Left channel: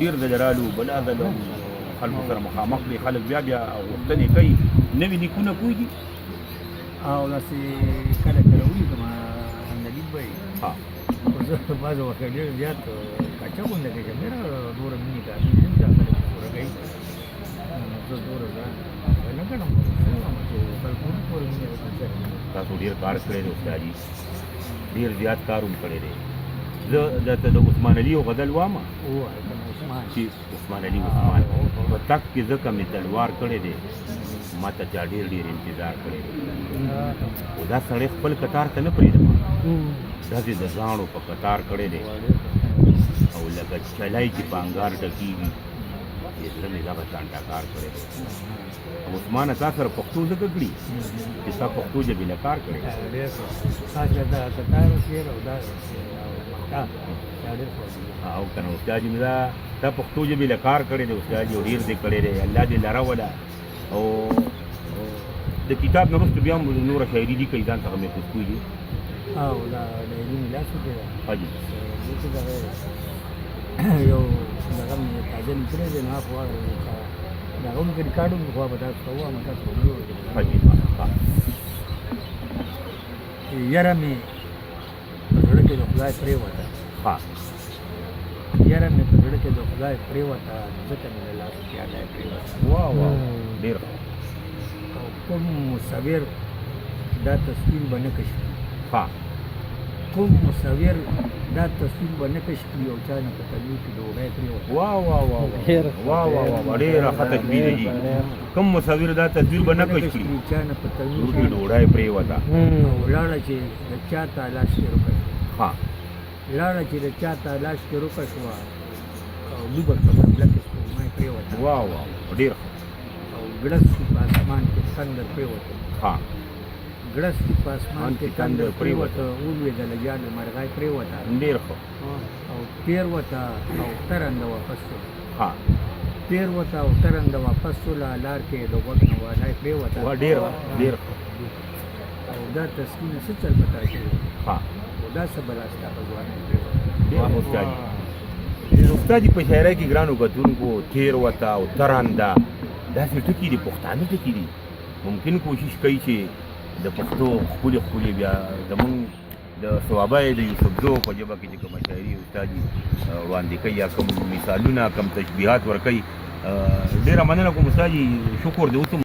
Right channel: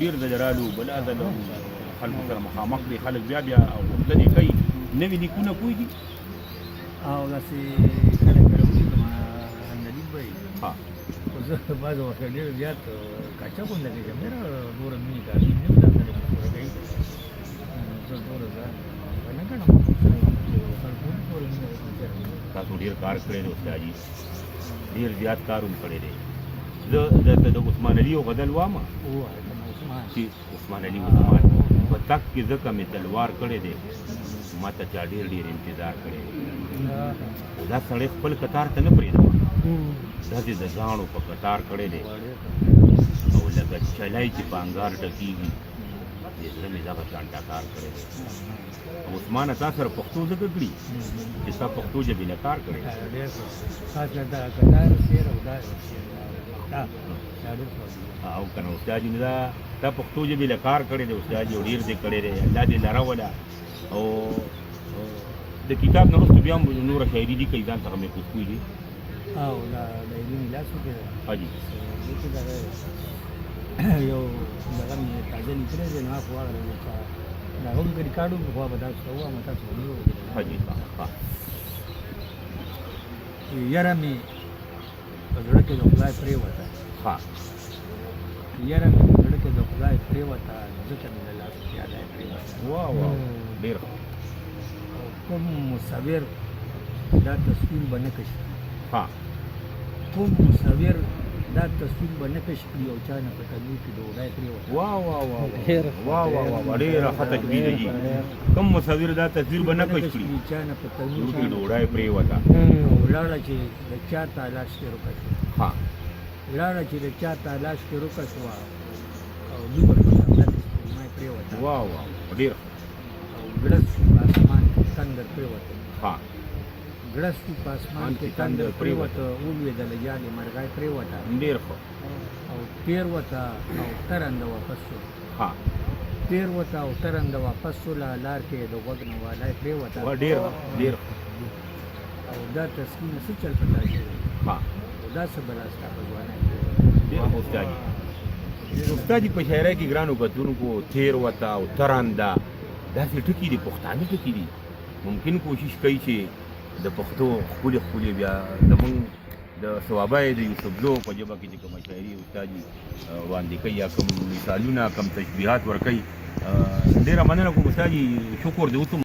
ډېر ځله رالو بلا ځله خلکو سره مخامخ دي خلک بیا غوښتنې کوي نوي لیکونه پوهېږي او داسې کله کله ولیکم اندلیک به وي خو زه بعضې وخت ډېر زیات کچه غونډه کې چې مېره دومره مینې کافي نه وي دا خلک پوره کوي نو زه دومره ځان نه ګڼم چې خلکو پوره مینه تاسو ډېر کار کړی دی استادجي ډېر زیات کار هم کړی دی زه درته د عثمان علي یو غزل وامه چې عثمان علي عثمان په تک کې ځکه مې تلوار کړی دی ما ته چا ډېر ډېر انتظار کړی دی خو دا سړی خپل کتار ته نه پرېږدم داسې د زاڼو په کتار کړی دی او لکه چلای چې په انګار ډکېږي دې زړه مې دغه شان ټکار کړی دی عثمانه تا سره پښتو ځکه کړي چې ستا پښتو ژبې له کار کړی او که نه استاد مې دا تا پښتو ژبې له کار کړی دی استاد یو ډېر دې کړی دی الله دې لره وله او د کتاب نه وروسته بیا هم نوره شاعري لیکئ ځان څخه محفوظ کوي دي او دا ډایري مې لاس کې ده حاجي یو دغه مې تازه لیکلی دی نو خو هغه دغه هم که ریکارډ وکړو خو به تاسو ته ووایم تاسو به نه واورئ حاجي یاره مې په زړه کې د خدای پرېوته یاره مې په زړه کې د خدای پرېوته ځکه مې له لاسه پیاله پرېوته ډېر او کوم مصور دا تصویر به نه کشف کوم مصور دا تصویر به نه کشف کړي او چا نه په تنور کې ډوډۍ پرېوته ډېره ښه تشبیه ده جي کوم مصور دا تصویر به نه کشف کړي چا نه په تنور کې ډوډۍ پرېوته او لاړه چې د چا تالاش کې روکه شوه لاړه چې د چا تالاش کې روکه شوه او دوبه په قبله کې سپوږمۍ پرېوته ډېر او ګړس په اسمان کې تندر پرېوته ګړس په اسمان کې تندر پرېوته ولوېدله جالې مرغۍ پرېوته ډېر ښه او تېر وته او ترنده واپس شوله تېر وته او ترنده واپس شوله لار کې د غوږ نه والی پرېوته ډېر ښه او دا تسکینه څه چل پتا شوی او دا څه بلا ستا په ځوانۍ پرېوته ډېر ښه استادجي استادجي په شاعرۍ کې ګرانو کتونکو تېر وته او ترنده داسې ټکي دي پښتانه ټکي دي ممکن کوشش کوي چې د پښتو ښکلې بیا زمونږ د صوابی د یوسفزو په ژبه کې چې کومه شاعري استادجي وړاندې کوي یا کوم مثالونه کوم تشبیهات ورکوي ډېره مننه کوم استادجي شکر دې اوس